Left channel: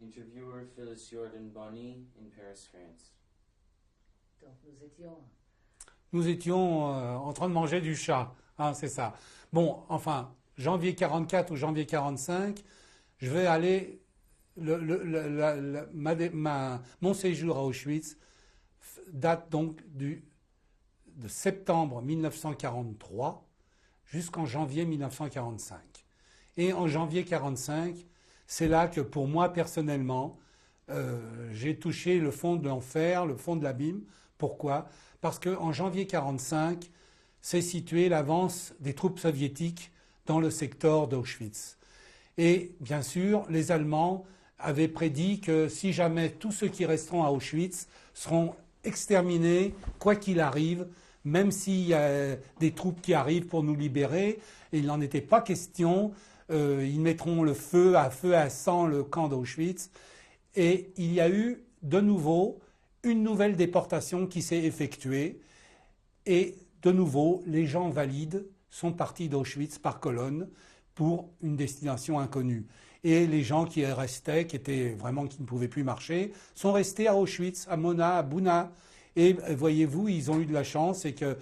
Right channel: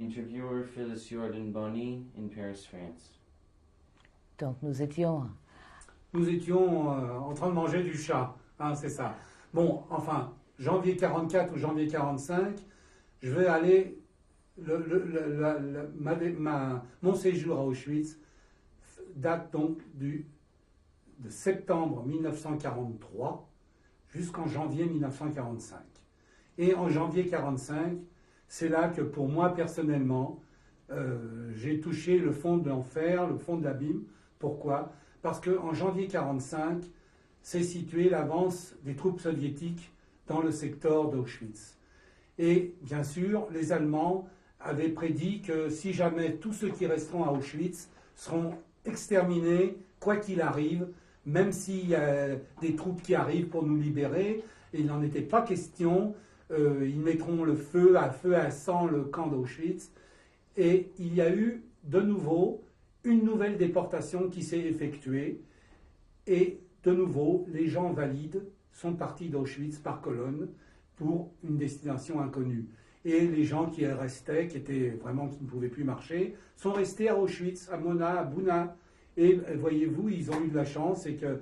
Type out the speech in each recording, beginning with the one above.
Interviewer Phyllis Jordan Bonny in Paris, France. Donc Nous étions en train de manger du chat, hein, c'est ça. Bon, enfin, janvier 44 ou janvier 45, je vais aller, mon séjour à Auschwitz date donc de septembre 1943 jusqu'en janvier 1945. Et en janvier 45, c'est là que pour moi personnellement, j'ai touché le fond de l'enfer, le fond de l'abîme. Pourquoi ? Parce qu'en janvier 1945, s'est situé l'avance des troupes soviétiques dans le secteur d'Auschwitz. Et bien sûr, les Allemands avaient prédit que si jamais tous ceux qui resteront à Auschwitz seront exterminés, quoi qu'il arrive, même s'il y a des troupes qui arrivent pour nous libérer, et il n'en était pas question, ils mettront le feu à sang le camp d'Auschwitz. Et il y a eu de nouveau une nouvelle déportation qui s'est effectuée. Et de nouveau, les gens valides sont partis d'Auschwitz par colonne pour une destination inconnue. Et les gens qui restaient, qui ne pouvaient plus marcher, sont restés à Auschwitz, à Mona, à Bouna. Et voyez-vous, ils ont eu de la chance, c'est que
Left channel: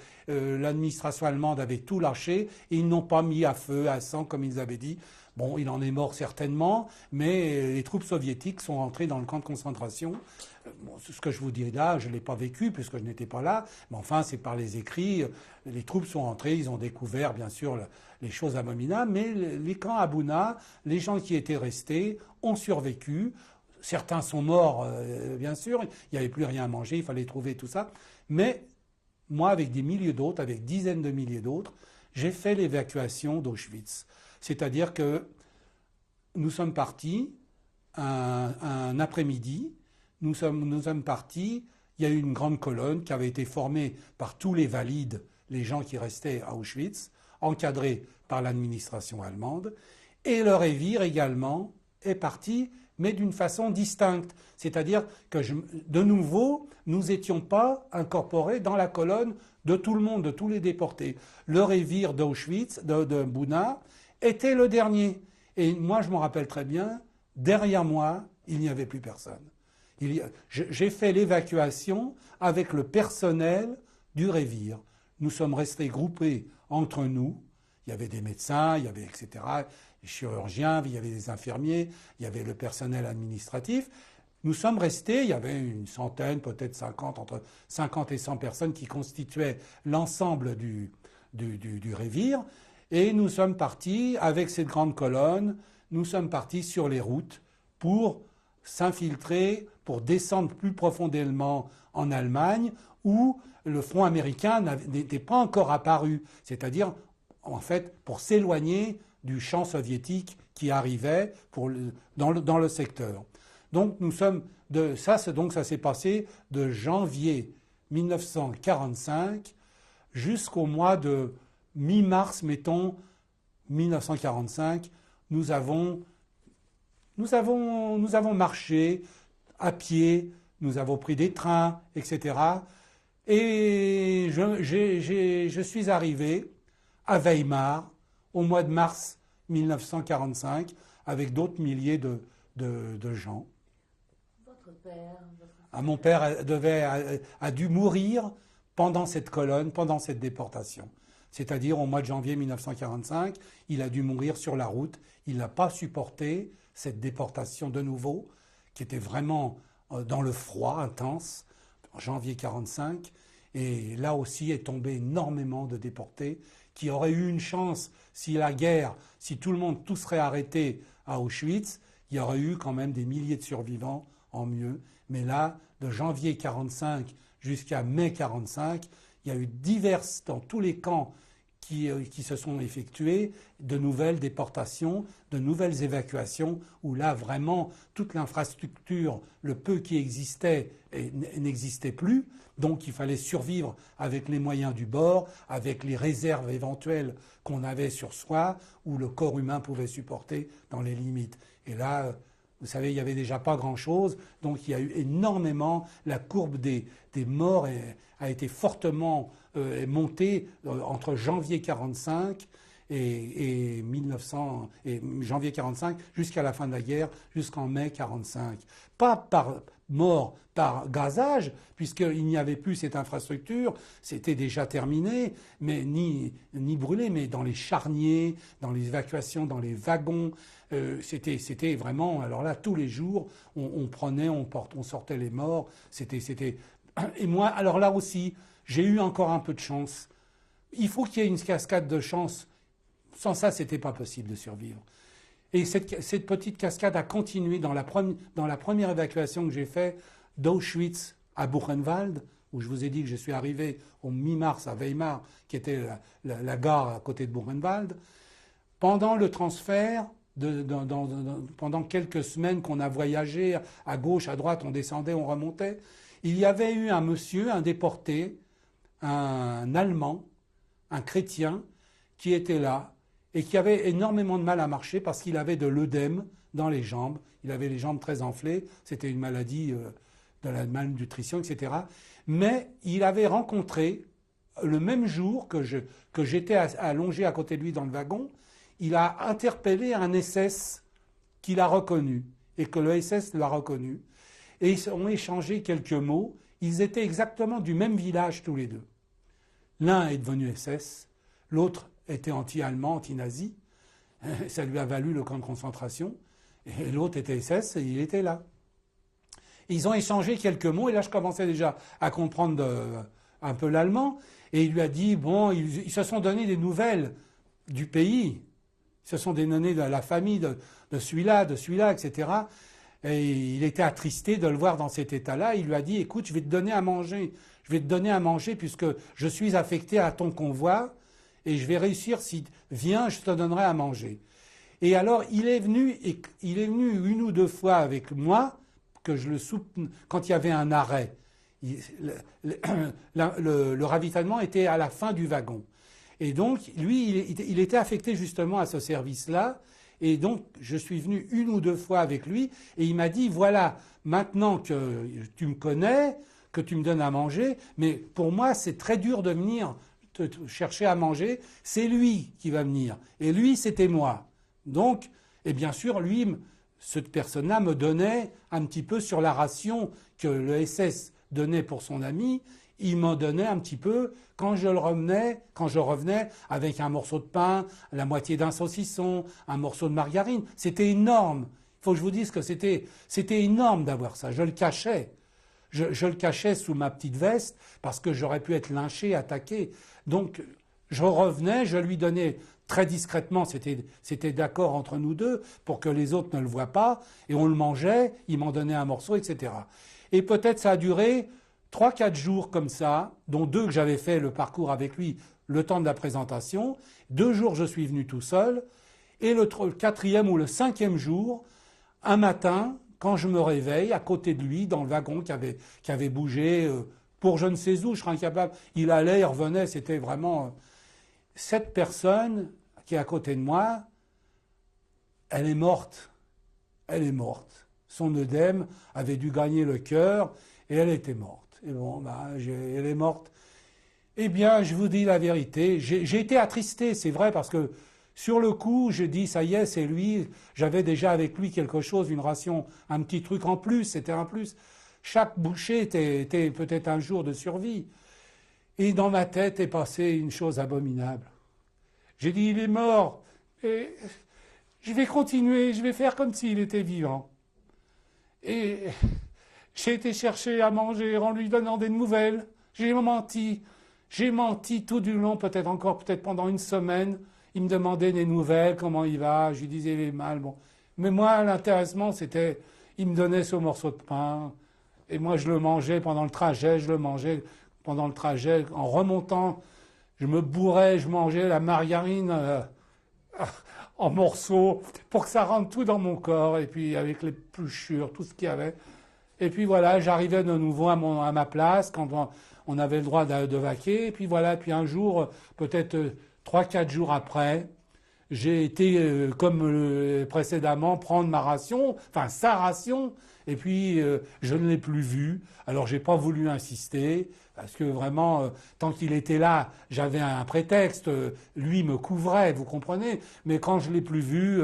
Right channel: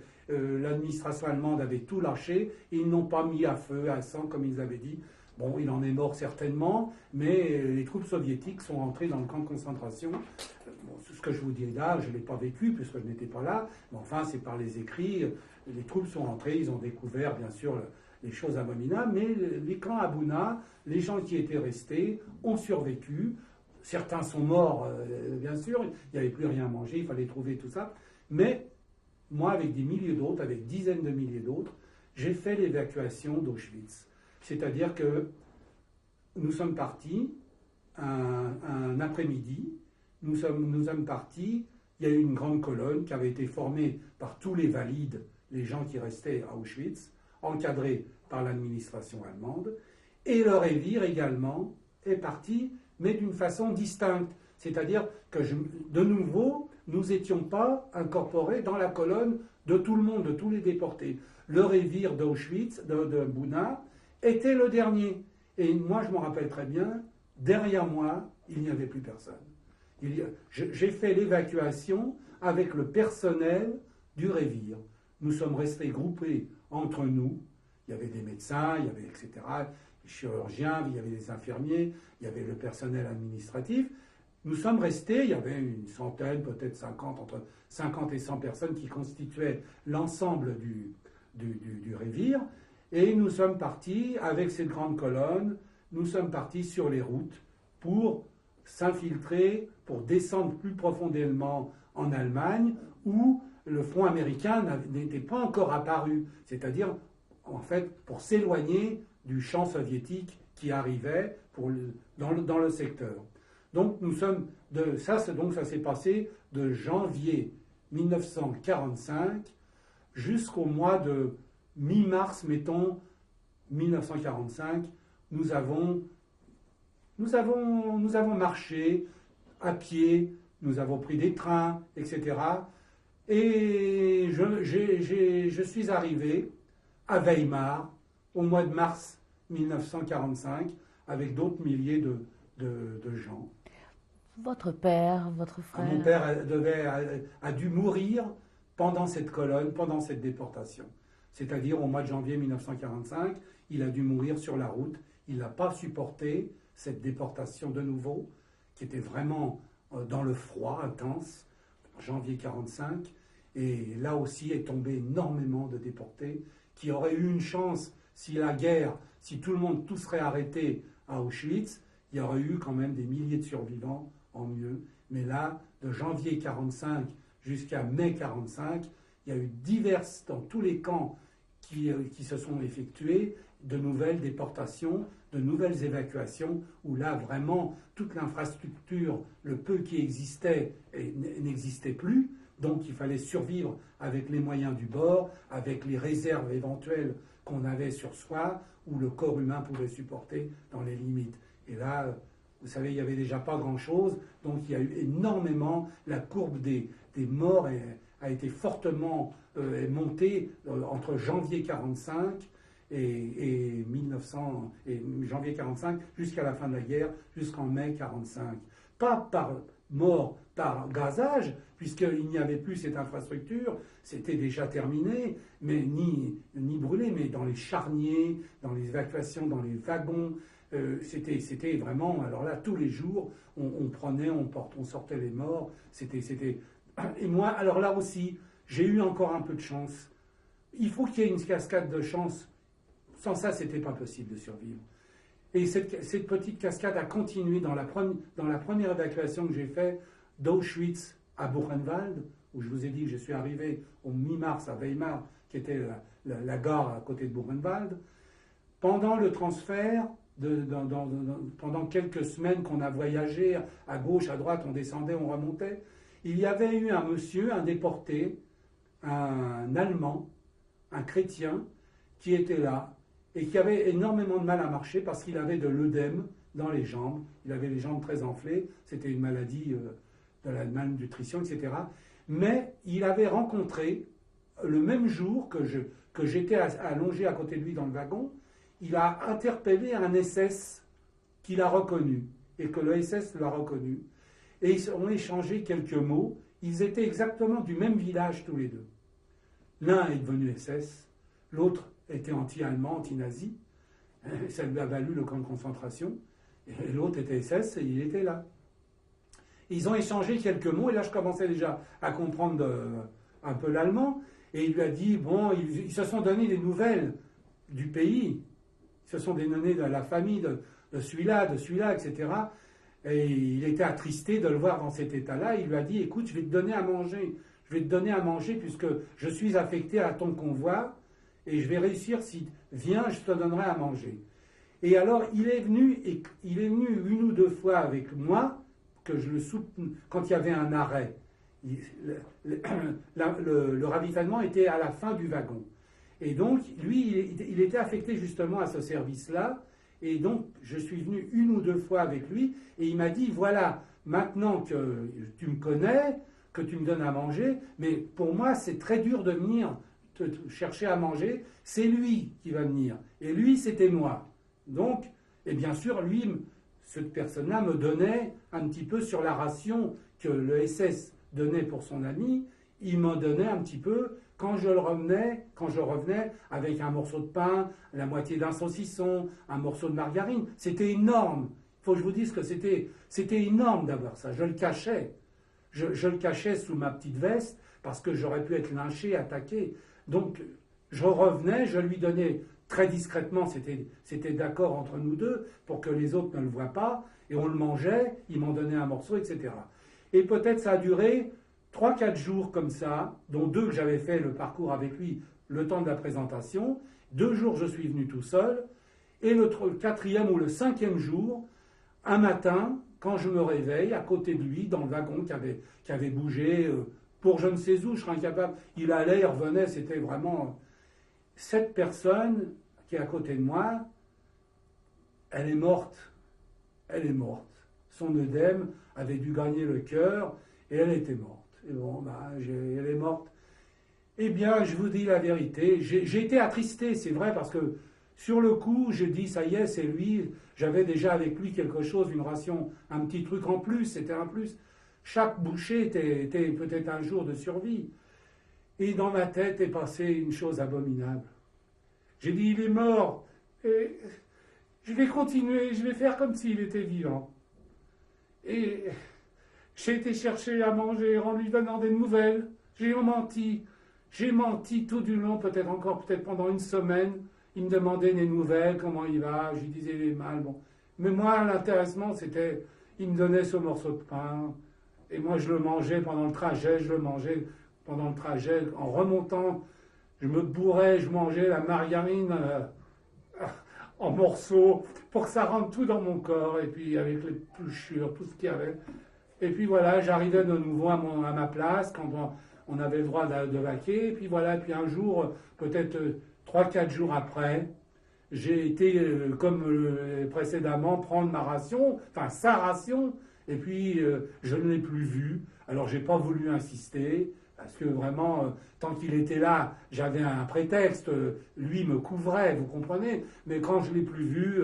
l'administration allemande avait tout lâché et ils n'ont pas mis à feu, à sang, comme ils avaient dit. Bon, il en est mort certainement, mais les troupes soviétiques sont rentrées dans le camp de concentration. Bon, ce que je vous dis là, je ne l'ai pas vécu puisque je n'étais pas là, mais enfin, c'est par les écrits. Les troupes sont rentrées, ils ont découvert, bien sûr, les choses abominables, mais les camps à Bouna, les gens qui étaient restés ont survécu. Certains sont morts, bien sûr, il n'y avait plus rien à manger, il fallait trouver tout ça. Mais moi, avec des milliers d'autres, avec dizaines de milliers d'autres, j'ai fait l'évacuation d'Auschwitz. C'est-à-dire que nous sommes partis un après-midi, nous sommes partis, il y a eu une grande colonne qui avait été formée par tous les valides, les gens qui restaient à Auschwitz, encadrés par l'administration allemande, et le Révire également est parti, mais d'une façon distincte. C'est-à-dire que, de nouveau, nous n'étions pas incorporés dans la colonne de tout le monde, de tous les déportés. Le Révire d'Auschwitz, de Bouna, était le dernier. Et moi, je me rappelle très bien, derrière moi, il n'y avait plus personne. J'ai fait l'évacuation avec le personnel du Révire. Nous sommes restés groupés entre nous. Il y avait des médecins, il y avait, etc., des chirurgiens, il y avait des infirmiers, il y avait le personnel administratif. Nous sommes restés, il y avait une centaine, peut-être 50, entre 50 et 100 personnes qui constituaient l'ensemble du Révire. Et nous sommes partis, avec cette grande colonne, nous sommes partis sur les routes pour s'infiltrer, pour descendre plus profondément en Allemagne, où le front américain n'était pas encore apparu. C'est-à-dire, en fait, pour s'éloigner du champ soviétique qui arrivait dans le secteur. Donc, ça s'est passé de janvier 1945 jusqu'au mois de mi-mars, mettons, 1945, nous avons marché à pied, nous avons pris des trains, etc. Et je suis arrivé à Weimar au mois de mars 1945 avec d'autres milliers de gens. Votre père, votre frère... Mon père a dû mourir pendant cette colonne, pendant cette déportation. C'est-à-dire au mois de janvier 1945, il a dû mourir sur la route. Il n'a pas supporté cette déportation de nouveau, qui était vraiment dans le froid intense, en janvier 1945. Et là aussi est tombé énormément de déportés qui auraient eu une chance si tout serait arrêté à Auschwitz, il y aurait eu quand même des milliers de survivants en mieux. Mais là, de janvier 1945 jusqu'à mai 1945, il y a eu dans tous les camps qui se sont effectués, de nouvelles déportations, de nouvelles évacuations, où là vraiment toute l'infrastructure, le peu qui existait, n'existait plus. Donc il fallait survivre avec les moyens du bord, avec les réserves éventuelles qu'on avait sur soi, où le corps humain pouvait supporter dans les limites. Et là, vous savez, il n'y avait déjà pas grand-chose, donc il y a eu énormément, la courbe des morts a été fortement montée entre janvier 1945 et janvier 45 jusqu'à la fin de la guerre, jusqu'en mai 45. Pas par mort par gazage, puisqu'il n'y avait plus cette infrastructure, c'était déjà terminé, mais ni brûlé, mais dans les charniers, dans les évacuations, dans les wagons. C'était vraiment, alors là, tous les jours, on prenait, on sortait les morts. Et moi, alors là aussi, j'ai eu encore un peu de chance. Il faut qu'il y ait une cascade de chance. Sans ça, c'était pas possible de survivre. Et cette petite cascade a continué dans la première évacuation que j'ai faite d'Auschwitz à Buchenwald, où je vous ai dit que je suis arrivé au mi-mars à Weimar, qui était la gare à côté de Buchenwald. Pendant le transfert, pendant quelques semaines qu'on a voyagé à gauche, à droite, on descendait, on remontait, il y avait eu un monsieur, un déporté, un Allemand, un chrétien, qui était là et qui avait énormément de mal à marcher parce qu'il avait de l'œdème dans les jambes. Il avait les jambes très enflées. C'était une maladie de la malnutrition, etc. Mais il avait rencontré, le même jour que j'étais allongé à côté de lui dans le wagon, il a interpellé un SS qu'il a reconnu et que le SS l'a reconnu. Et ils ont échangé quelques mots. Ils étaient exactement du même village tous les deux. L'un est devenu SS, l'autre était anti-allemand, anti-nazi. Ça lui a valu le camp de concentration. Et l'autre était SS et il était là. Ils ont échangé quelques mots et là je commençais déjà à comprendre un peu l'allemand. Et il lui a dit, bon, ils se sont donné des nouvelles du pays. Ils se sont donné de la famille de celui-là, etc. Et il était attristé de le voir dans cet état-là. Il lui a dit, écoute, je vais te donner à manger. Je vais te donner à manger puisque je suis affecté à ton convoi et je vais réussir. Si viens, je te donnerai à manger. Et alors, il est venu une ou deux fois avec moi, que je le soutenais, quand il y avait un arrêt. Le ravitaillement était à la fin du wagon. Et donc, lui, il était affecté justement à ce service-là. Et donc, je suis venu une ou deux fois avec lui. Et il m'a dit, voilà, maintenant que tu me connais, que tu me donnes à manger, mais pour moi, c'est très dur de venir te chercher à manger. C'est lui qui va venir. Et lui, c'était moi. Donc, et bien sûr, lui, cette personne-là me donnait un petit peu sur la ration que le SS donnait pour son ami. Il m'en donnait un petit peu quand je revenais avec un morceau de pain, la moitié d'un saucisson, un morceau de margarine. C'était énorme. Il faut que je vous dise que c'était énorme d'avoir ça. Je le cachais. Je le cachais sous ma petite veste parce que j'aurais pu être lynché, attaqué. Donc, je revenais, je lui donnais très discrètement, c'était d'accord entre nous deux pour que les autres ne le voient pas, et on le mangeait, il m'en donnait un morceau, etc. Et peut-être ça a duré 3-4 jours comme ça, dont 2 que j'avais fait le parcours avec lui le temps de la présentation. 2 jours, je suis venu tout seul. Et le 4e ou le 5e jour, un matin, quand je me réveille, à côté de lui, dans le wagon qui avait bougé pour je ne sais où, je serais incapable. Il allait, il revenait, c'était vraiment... Cette personne qui est à côté de moi, elle est morte. Elle est morte. Son œdème avait dû gagner le cœur et elle était morte. Et bon, bah, elle est morte. Eh bien, je vous dis la vérité, j'ai été attristé, c'est vrai, parce que sur le coup, je dis, ça y est, c'est lui. J'avais déjà avec lui quelque chose, une ration, un petit truc en plus, c'était un plus. Chaque bouchée était peut-être un jour de survie. Et dans ma tête est passée une chose abominable. J'ai dit, il est mort, et je vais continuer, je vais faire comme s'il était vivant. Et j'ai été chercher à manger en lui donnant des nouvelles. J'ai menti tout du long, peut-être pendant une semaine. Il me demandait des nouvelles, comment il va, je lui disais il est mal. Bon. Mais moi, l'intéressement, c'était, il me donnait ce morceau de pain, et moi je le mangeais pendant le trajet, en remontant, je me bourrais, je mangeais la margarine en morceaux, pour que ça rentre tout dans mon corps, et puis avec les pluchures, tout ce qu'il y avait. Et puis voilà, j'arrivais de nouveau à ma place, quand on avait le droit de vaquer, et puis voilà, puis un jour, peut-être 3-4 jours après, j'ai été, comme précédemment, prendre ma ration, enfin sa ration, et puis je ne l'ai plus vu. Alors j'ai pas voulu insister, parce que vraiment, tant qu'il était là, j'avais un prétexte, lui me couvrait, vous comprenez. Mais quand je l'ai plus vu,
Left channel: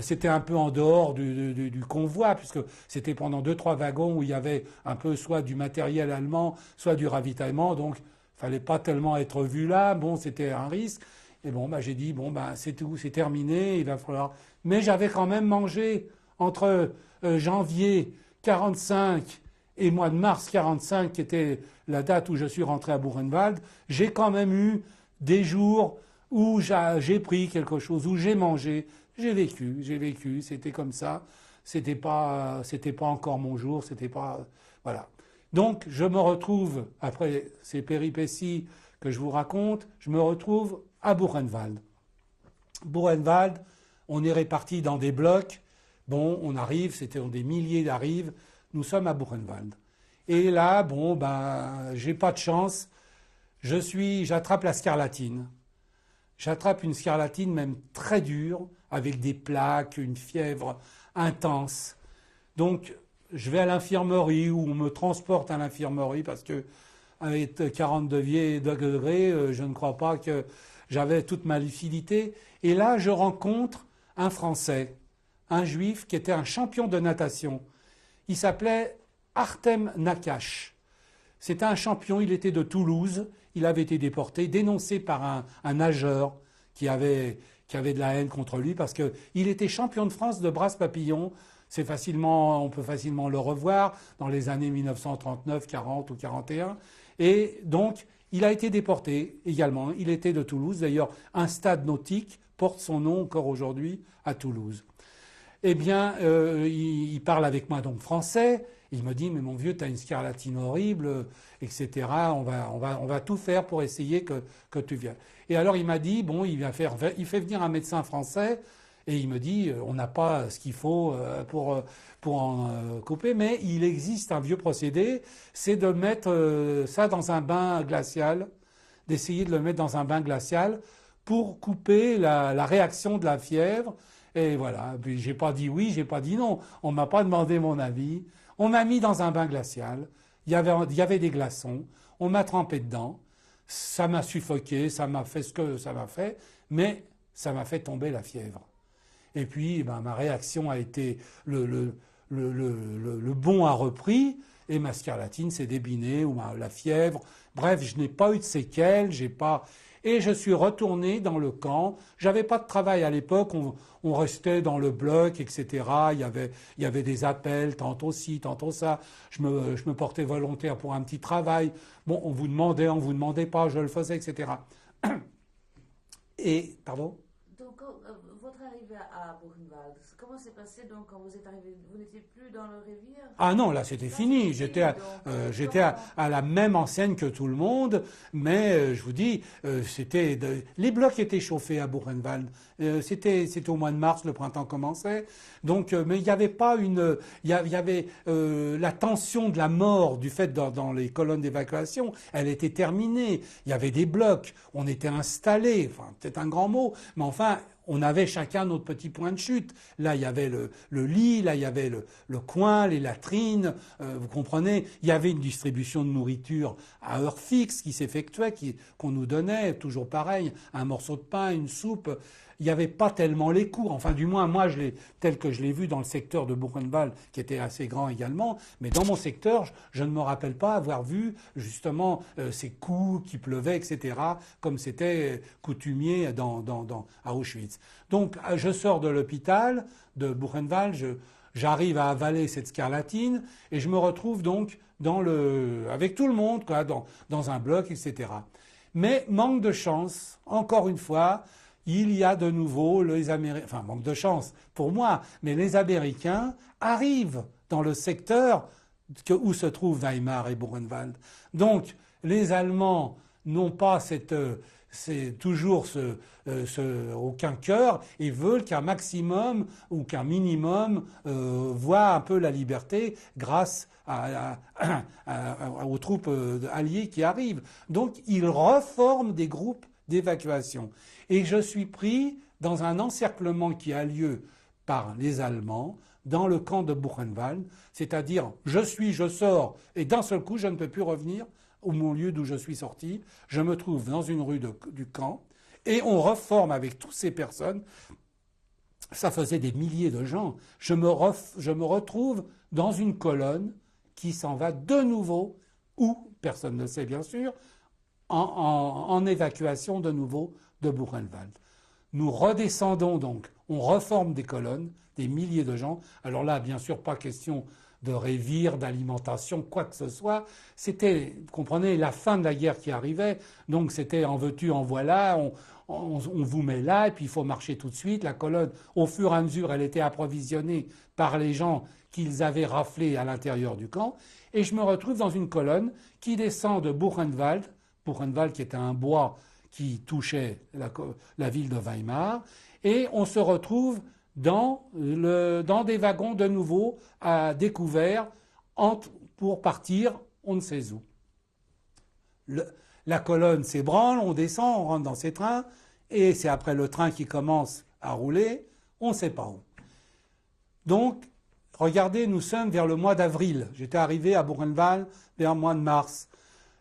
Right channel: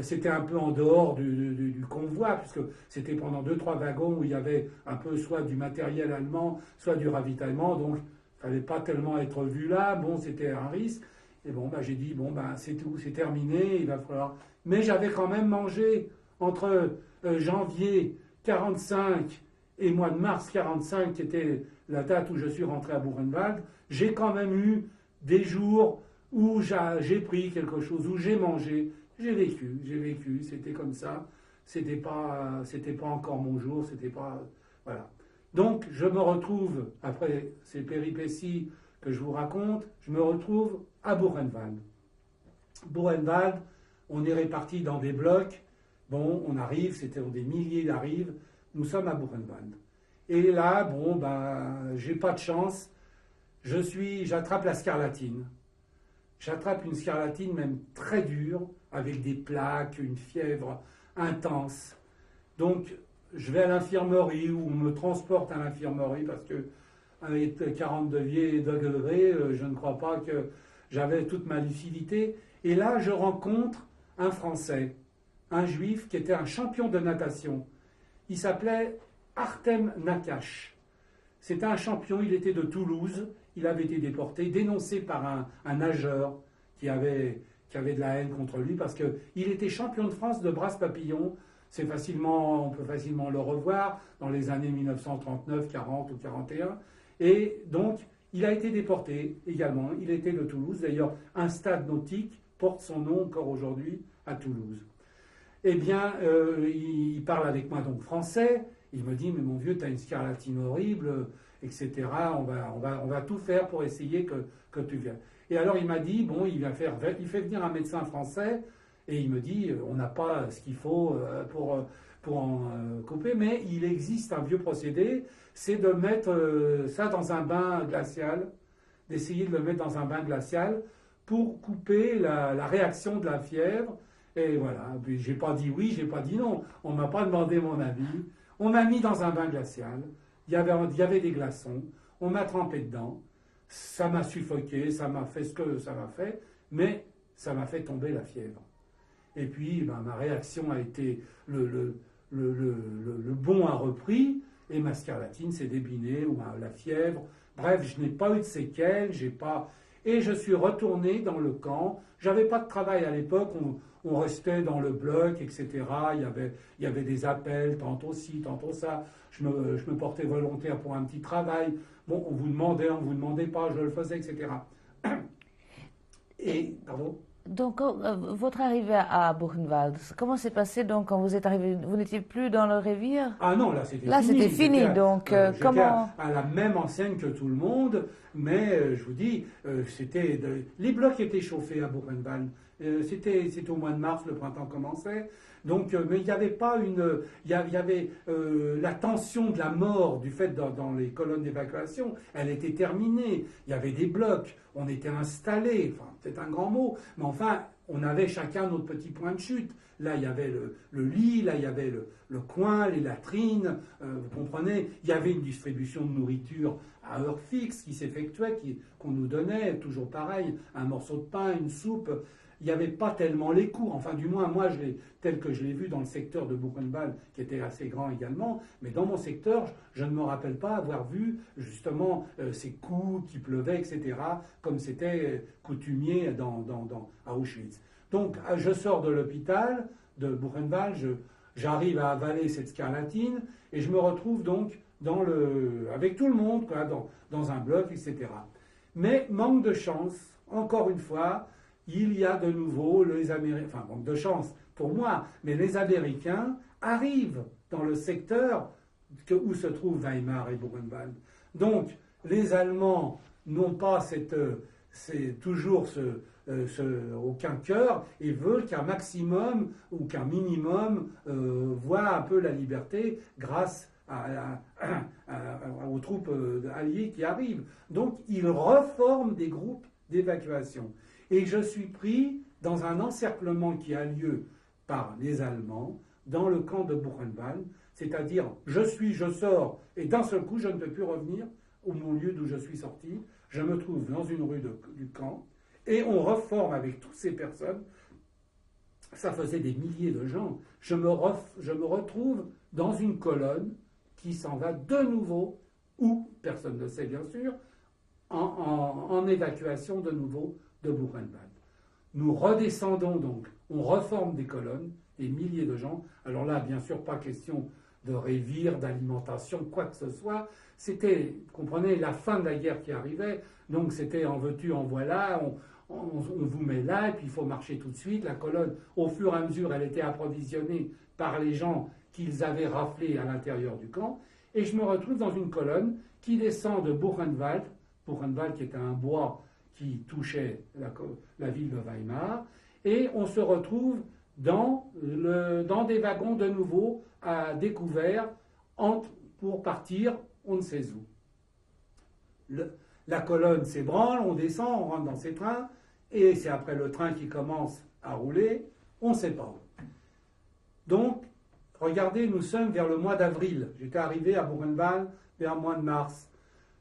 c'était un peu en dehors du convoi, puisque c'était pendant 2-3 wagons où il y avait un peu soit du matériel allemand, soit du ravitaillement, donc il fallait pas tellement être vu là. Bon, c'était un risque. Et bon, bah, j'ai dit, bon, bah, c'est tout, c'est terminé, il va falloir. Mais j'avais quand même mangé entre janvier 45 et mois de mars 45, qui était la date où je suis rentré à Buchenwald. J'ai quand même eu des jours où j'ai pris quelque chose, où j'ai mangé, j'ai vécu, c'était comme ça. C'était pas encore mon jour, c'était pas, voilà. Donc, je me retrouve, après ces péripéties que je vous raconte, je me retrouve à Buchenwald. Buchenwald, on est répartis dans des blocs. Bon, on arrive, c'était des milliers d'arrives. Nous sommes à Buchenwald. Et là, bon, bah, j'ai pas de chance. J'attrape la scarlatine. J'attrape une scarlatine même très dure, avec des plaques, une fièvre intense. Donc, je vais à l'infirmerie, ou on me transporte à l'infirmerie, parce que avec 42 degrés, je ne crois pas que j'avais toute ma lucidité. Et là, je rencontre un Français, un Juif, qui était un champion de natation. Il s'appelait Artem Nakash. C'était un champion, il était de Toulouse. Il avait été déporté, dénoncé par un nageur qui avait de la haine contre lui, parce qu'il était champion de France de brasse papillon. On peut facilement le revoir dans les années 1939, 40 ou 41. Et donc, il a été déporté également. Il était de Toulouse. D'ailleurs, un stade nautique porte son nom encore aujourd'hui à Toulouse. Eh bien, il parle avec moi donc français. Il me dit, mais mon vieux, tu as une scarlatine horrible, etc. On va tout faire pour essayer que tu viennes. Et alors, il m'a dit, bon, il fait venir un médecin français. Et il me dit, on n'a pas ce qu'il faut pour en couper, mais il existe un vieux procédé, c'est de mettre ça dans un bain glacial, d'essayer de le mettre dans un bain glacial pour couper la réaction de la fièvre. Et voilà, puis j'ai pas dit oui, j'ai pas dit non, on m'a pas demandé mon avis. On m'a mis dans un bain glacial, il y avait des glaçons, on m'a trempé dedans, ça m'a suffoqué, ça m'a fait ce que ça m'a fait, mais ça m'a fait tomber la fièvre. Et puis, ben, ma réaction a été le bond a repris et ma scarlatine s'est débinée, ou la fièvre. Bref, je n'ai pas eu de séquelles, et je suis retourné dans le camp. J'avais pas de travail à l'époque, on restait dans le bloc, etc. Il y avait des appels, tantôt ci, tantôt ça. Je me portais volontaire pour un petit travail. Bon, on vous demandait pas, je le faisais, etc. Et, pardon ? Donc, votre arrivée à Buchenwald, comment s'est passé donc quand vous êtes arrivé? Vous n'étiez plus dans le Révire? Ah non, là c'était fini. C'était fini, donc j'étais comment... à la même enseigne que tout le monde, mais je vous dis, les blocs étaient chauffés à Buchenwald. C'était au mois de mars, le printemps commençait. Donc, mais il n'y avait pas il y avait la tension de la mort du fait dans les colonnes d'évacuation, elle était terminée. Il y avait des blocs, on était installés, enfin peut-être un grand mot, mais enfin on avait chacun notre petit point de chute. Là, il y avait le lit, là, il y avait le coin, les latrines, vous comprenez. Il y avait une distribution de nourriture à heure fixe qui s'effectuait, qu'on nous donnait, toujours pareil, un morceau de pain, une soupe. Il n'y avait pas tellement les cours, enfin du moins moi tel que je l'ai vu dans le secteur de Buchenwald, qui était assez grand également, mais dans mon secteur, je ne me rappelle pas avoir vu justement ces coups qui pleuvaient, etc., comme c'était coutumier à Auschwitz. Donc je sors de l'hôpital de Buchenwald, j'arrive à avaler cette scarlatine, et je me retrouve donc avec tout le monde, quoi, dans un bloc, etc. Mais manque de chance, encore une fois, il y a de nouveau les Américains, enfin manque de chance pour moi, mais les Américains arrivent dans le secteur où se trouvent Weimar et Buchenwald. Donc les Allemands n'ont pas toujours aucun cœur, et veulent qu'un maximum ou qu'un minimum voit un peu la liberté grâce aux troupes alliées qui arrivent. Donc ils reforment des groupes d'évacuation. Et je suis pris dans un encerclement qui a lieu par les Allemands dans le camp de Buchenwald, c'est-à-dire je sors, et d'un seul coup je ne peux plus revenir au lieu d'où je suis sorti, je me trouve dans une rue du camp, et on reforme avec toutes ces personnes, ça faisait des milliers de gens, je me retrouve dans une colonne qui s'en va de nouveau, où, personne ne sait bien sûr, en évacuation de nouveau de Buchenwald. Nous redescendons donc, on reforme des colonnes, des milliers de gens. Alors là, bien sûr, pas question de révire, d'alimentation, quoi que ce soit. C'était, vous comprenez, la fin de la guerre qui arrivait. Donc c'était en veux-tu, en voilà, on vous met là, et puis il faut marcher tout de suite. La colonne, au fur et à mesure, elle était approvisionnée par les gens qu'ils avaient raflés à l'intérieur du camp. Et je me retrouve dans une colonne qui descend de Buchenwald, Buchenwald qui était un bois qui touchait la ville de Weimar, et on se retrouve dans des wagons de nouveau à découvert pour partir on ne sait où. La colonne s'ébranle, on descend, on rentre dans ces trains, et c'est après le train qui commence à rouler, on ne sait pas où. Donc, regardez, nous sommes vers le mois d'avril. J'étais arrivé à Buchenwald vers le mois de mars.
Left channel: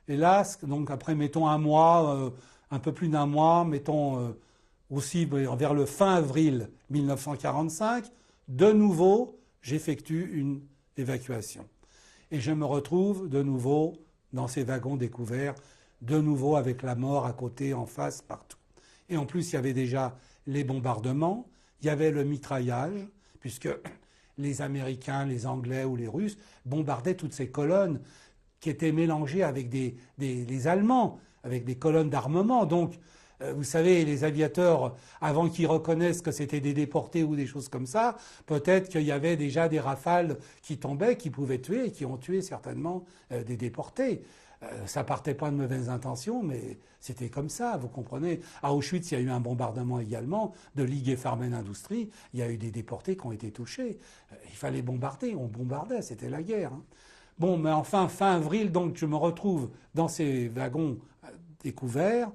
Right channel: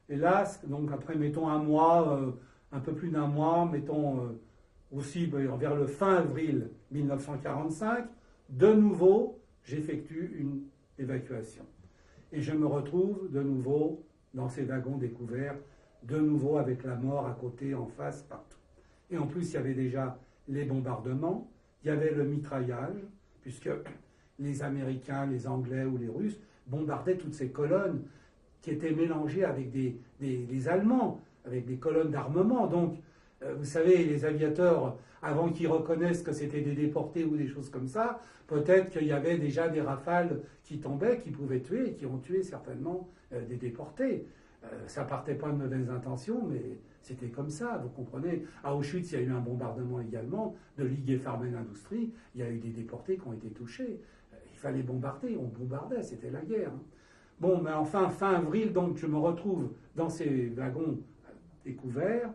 Et là, donc après, mettons un mois, un peu plus d'un mois, mettons aussi vers le fin avril 1945, de nouveau, j'effectue une évacuation. Et je me retrouve de nouveau dans ces wagons découverts, de nouveau avec la mort à côté, en face, partout. Et en plus, il y avait déjà les bombardements, il y avait le mitraillage, puisque les Américains, les Anglais ou les Russes bombardaient toutes ces colonnes qui étaient mélangées avec les Allemands, avec des colonnes d'armement. Donc, vous savez, les aviateurs, avant qu'ils reconnaissent que c'était des déportés ou des choses comme ça, peut-être qu'il y avait déjà des rafales qui tombaient, qui pouvaient tuer, et qui ont tué certainement des déportés. Ça partait pas de mauvaises intentions, mais c'était comme ça, vous comprenez. À Auschwitz, il y a eu un bombardement également de l'IG Farben Industrie. Il y a eu des déportés qui ont été touchés. Il fallait bombarder, on bombardait, c'était la guerre. Bon, mais enfin, fin avril, donc, je me retrouve dans ces wagons découverts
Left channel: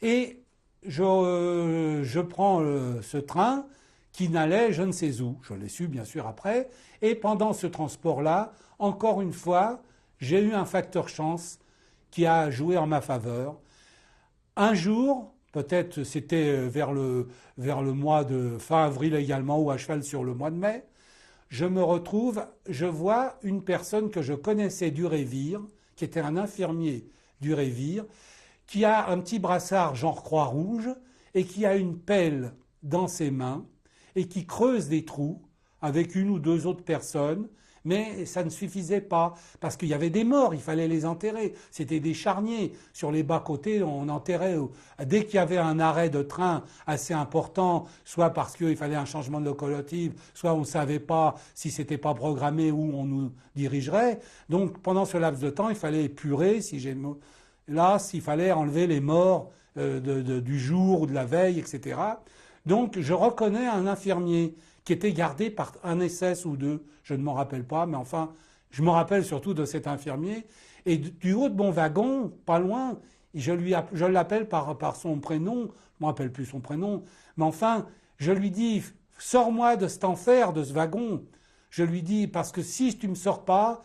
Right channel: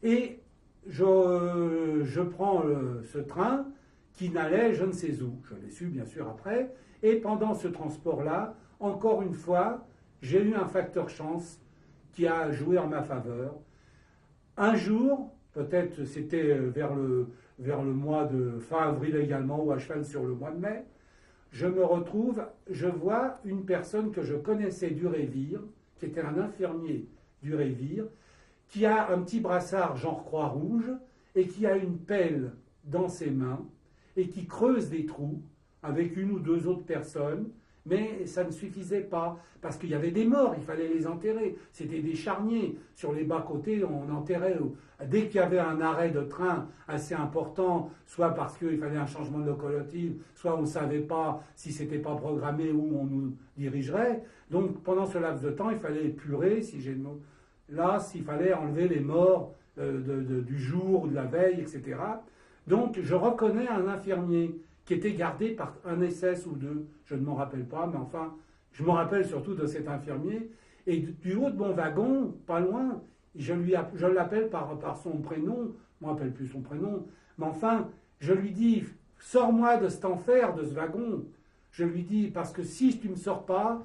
et je prends ce train qui n'allait je ne sais où. Je l'ai su, bien sûr, après. Et pendant ce transport-là, encore une fois, j'ai eu un facteur chance qui a joué en ma faveur. Un jour, peut-être c'était vers le mois de fin avril également, ou à cheval sur le mois de mai, je vois une personne que je connaissais du Révire, qui était un infirmier du Révire, qui a un petit brassard genre Croix-Rouge, et qui a une pelle dans ses mains, et qui creuse des trous avec une ou deux autres personnes, mais ça ne suffisait pas, parce qu'il y avait des morts, il fallait les enterrer. C'était des charniers. Sur les bas-côtés, on enterrait. Dès qu'il y avait un arrêt de train assez important, soit parce qu'il fallait un changement de locomotive, soit on ne savait pas si c'était pas programmé où on nous dirigerait. Donc pendant ce laps de temps, il fallait épurer, s'il fallait enlever les morts du jour ou de la veille, etc. Donc je reconnais un infirmier qui était gardé par un SS ou deux, je ne m'en rappelle pas, mais enfin, je me rappelle surtout de cet infirmier. Et du haut de mon wagon, pas loin, je l'appelle par son prénom, je ne me rappelle plus son prénom, mais enfin, je lui dis, sors-moi de cet enfer, de ce wagon. Je lui dis, parce que si tu ne me sors pas,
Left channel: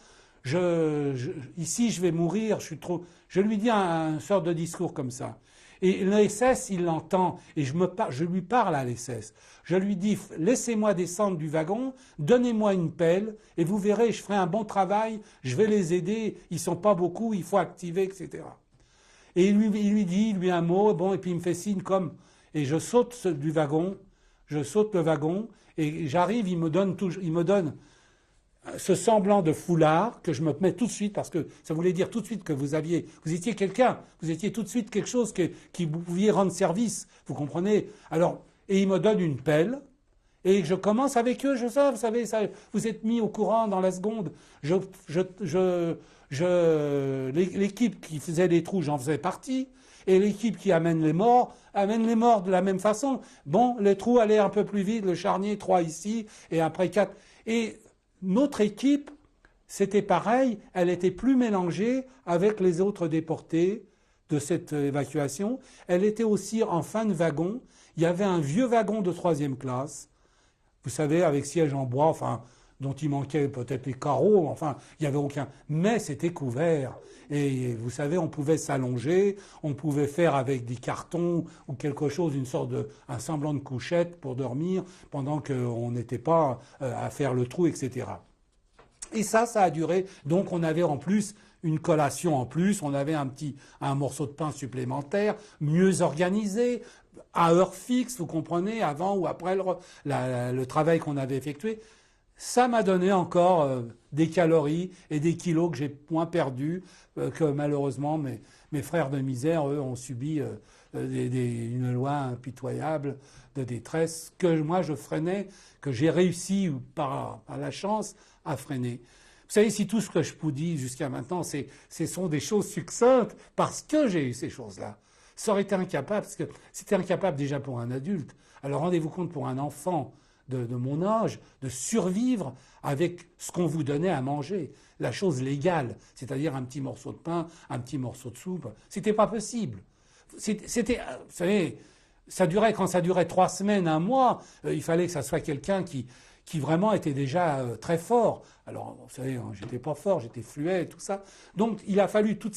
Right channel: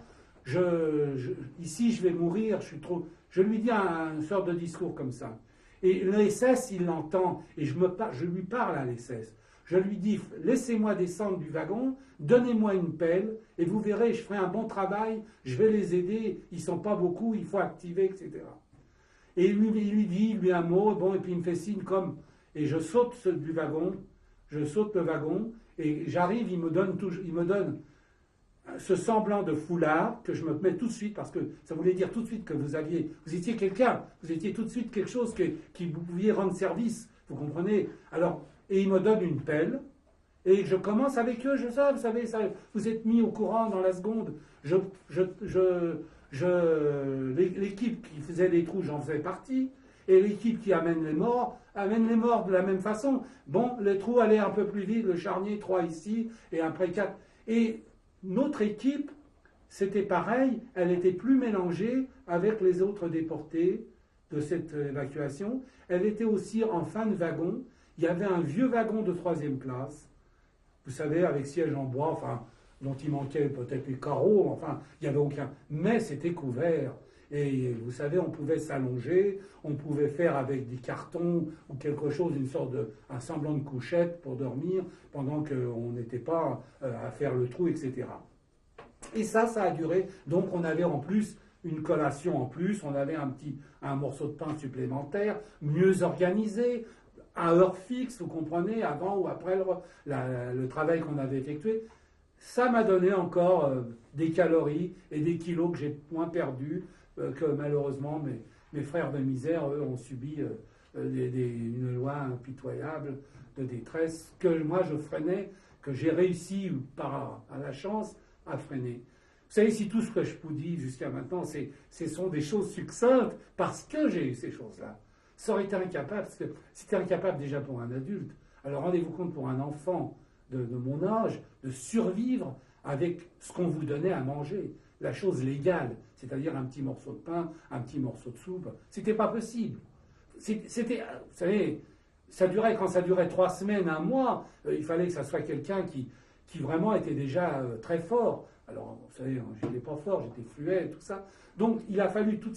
ici je vais mourir, je suis trop... Je lui dis une sorte de discours comme ça. Et le SS, il l'entend, et je lui parle à l'SS. Je lui dis, laissez-moi descendre du wagon, donnez-moi une pelle, et vous verrez, je ferai un bon travail, je vais les aider, ils ne sont pas beaucoup, il faut activer, etc. Et il lui dit, un mot, bon, et puis il me fait signe comme... Et je saute du wagon, je saute le wagon, et j'arrive, il me donne ce semblant de foulard que je me mets tout de suite, parce que ça voulait dire tout de suite que vous étiez quelqu'un, vous étiez tout de suite quelque chose qui vous pouviez rendre service, vous comprenez? Alors, et il me donne une pelle, et je commence avec eux, vous savez, ça, vous êtes mis au courant dans la seconde. L'équipe qui faisait les trous, j'en faisais partie, et l'équipe qui amène les morts de la même façon. Bon, les trous allaient un peu plus vite, le charnier, 3 ici, et après 4. Et notre équipe, c'était pareil, elle était plus mélangée avec les autres déportés de cette évacuation. Elle était aussi en fin de wagon. il y avait un vieux wagon de 3e classe, vous savez, avec siège en bois, enfin, dont il manquait peut-être les carreaux, enfin, il n'y avait aucun. Mais c'était couvert. Et vous savez, on pouvait s'allonger, on pouvait faire avec des cartons ou quelque chose, un semblant de couchette pour dormir pendant qu'on n'était pas à faire le trou, etc. Et ça a duré. Donc on avait en plus une collation en plus, on avait un morceau de pain supplémentaire, mieux organisé, à heure fixe, vous comprenez, avant ou après le travail qu'on avait effectué. Ça m'a donné encore des calories et des kilos que j'ai moins perdus que malheureusement mes frères de misère, eux, ont subi une loi impitoyable de détresse que moi je freinais, que j'ai réussi par la chance à freiner. Vous savez, si tout ce que je vous dis jusqu'à maintenant, ce sont des choses succinctes parce que j'ai eu ces choses-là. Ça aurait été incapable, parce que c'était incapable déjà pour un adulte. Alors rendez-vous compte pour un enfant de mon âge, de survivre avec ce qu'on vous donnait à manger, la chose légale, c'est-à-dire un petit morceau de pain, un petit morceau de soupe. C'était pas possible. C'était, vous savez, quand ça durait 3 semaines, 1 mois, il fallait que ça soit quelqu'un qui vraiment était déjà très fort. Alors, vous savez, j'étais pas fort, j'étais fluet et tout ça. Donc, il a fallu toute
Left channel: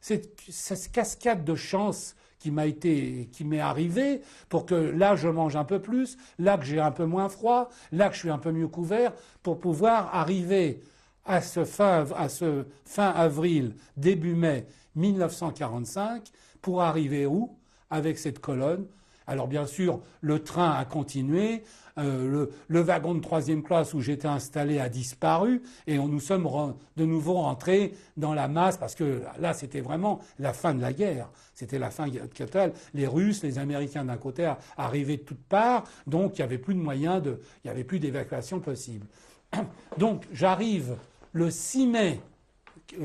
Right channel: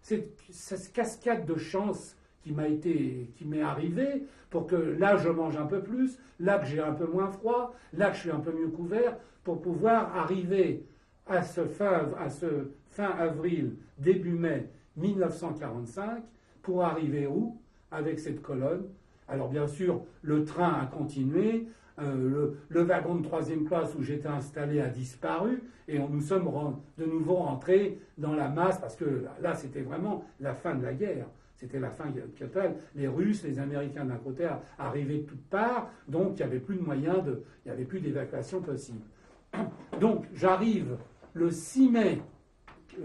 cette cascade de chance qui m'est arrivée pour que là, je mange un peu plus, là que j'ai un peu moins froid, là que je suis un peu mieux couvert, pour pouvoir arriver à ce fin avril, début mai 1945, pour arriver où? Avec cette colonne. Alors bien sûr, le train a continué, le wagon de 3e classe où j'étais installé a disparu et nous sommes de nouveau rentrés dans la masse parce que là, c'était vraiment la fin de la guerre. C'était la fin totale. Les Russes, les Américains d'un côté arrivaient de toutes parts, donc il n'y avait plus de moyens, il n'y avait plus d'évacuation possible. Donc j'arrive le 6 mai,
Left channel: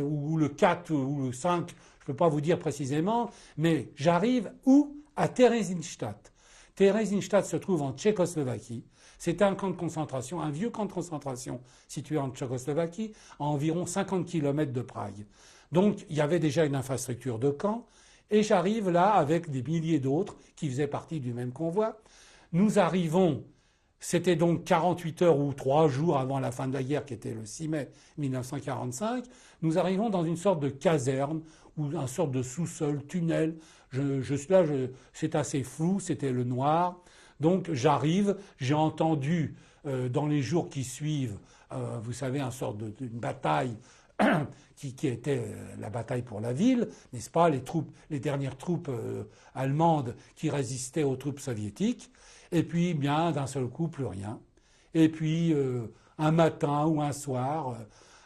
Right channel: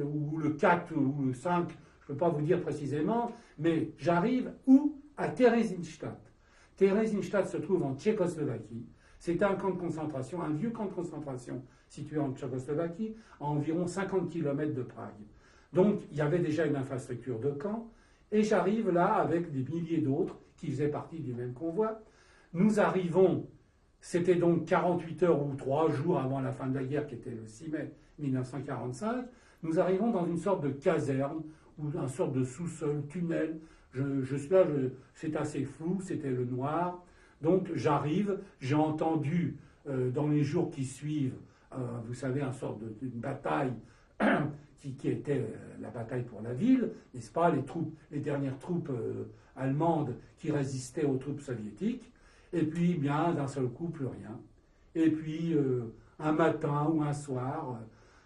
ou le 4 ou le 5, je ne peux pas vous dire précisément, mais j'arrive où? À Theresienstadt. Theresienstadt se trouve en Tchécoslovaquie. C'était un camp de concentration, un vieux camp de concentration situé en Tchécoslovaquie, à environ 50 km de Prague. Donc il y avait déjà une infrastructure de camp, et j'arrive là avec des milliers d'autres qui faisaient partie du même convoi. Nous arrivons, c'était donc 48 heures ou 3 jours avant la fin de la guerre, qui était le 6 mai 1945, nous arrivons dans une sorte de caserne, ou une sorte de sous-sol, tunnel. C'est assez flou, c'était le noir. Donc j'arrive, j'ai entendu dans les jours qui suivent, vous savez, une sorte d'une bataille qui était la bataille pour la ville, n'est-ce pas, les dernières troupes allemandes qui résistaient aux troupes soviétiques. Et puis, bien, d'un seul coup, plus rien. Et puis, un matin ou un soir,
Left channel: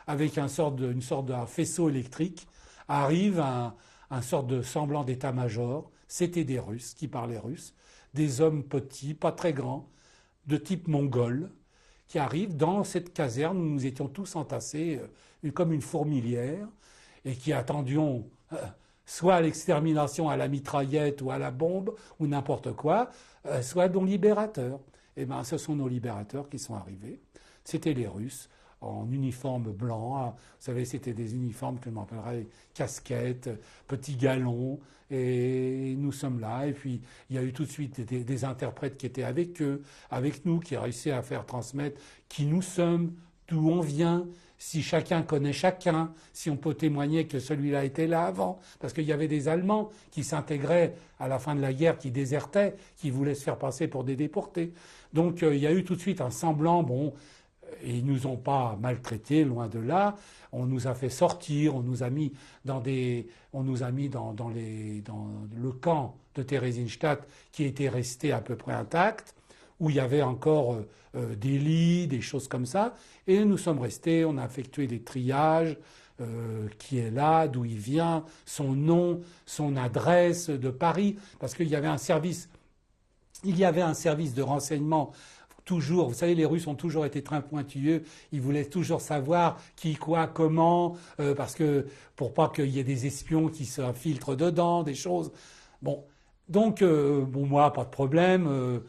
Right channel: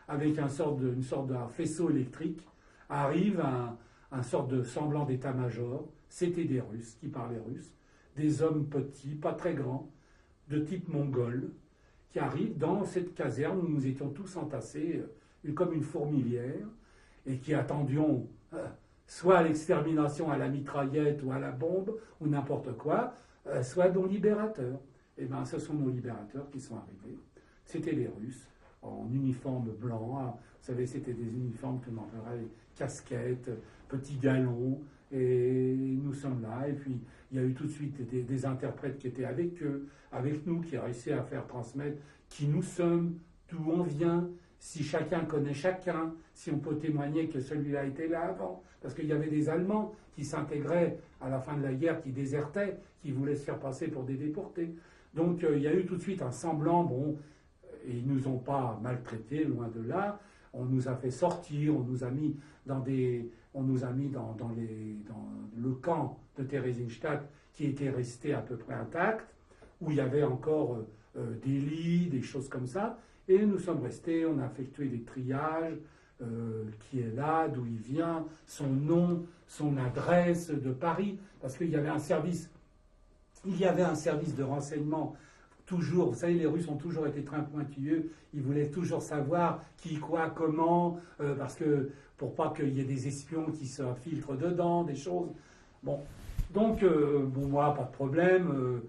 avec une sorte d'un faisceau électrique, arrive un sorte de semblant d'état-major. C'était des Russes qui parlaient russe, des hommes petits, pas très grands, de type mongol, qui arrivent dans cette caserne où nous étions tous entassés comme une fourmilière et qui attendions soit à l'extermination à la mitraillette ou à la bombe ou n'importe quoi, soit nos libérateurs. Eh bien, ce sont nos libérateurs qui sont arrivés. C'était les Russes, en uniforme blanc. Vous savez, c'était des uniformes que l'on appellerait casquettes, petits galons. Et nous sommes là. Et puis, il y a eu tout de suite des interprètes qui étaient avec eux, avec nous, qui réussaient à faire transmettre qui nous sommes, d'où on vient, si chacun connaît chacun, si on peut témoigner que celui-là était là avant, parce qu'il y avait des Allemands qui s'intégraient à la fin de la guerre, qui désertaient, qui voulaient se faire passer pour des déportés. Donc il y a eu tout de suite un semblant, bon, et ils nous ont pas maltraités, loin de là. On nous a fait sortir, on nous a mis dans le camp de Theresienstadt qui était resté à peu près intact, où il y avait encore des lits, des choses comme ça. Et nous sommes restés, on a effectué des triages, qui est là, d'où il vient, son nom, son adresse de Paris, parce qu'il y avait un service de renseignement. Toujours, vous savez, les Russes ont toujours été très pointilleux, ils voulaient toujours savoir qui, quoi, comment, parce que pour pas qu'il y ait des espions qui s'infiltrent dedans, des choses. Bon, donc, moi, pas de problème.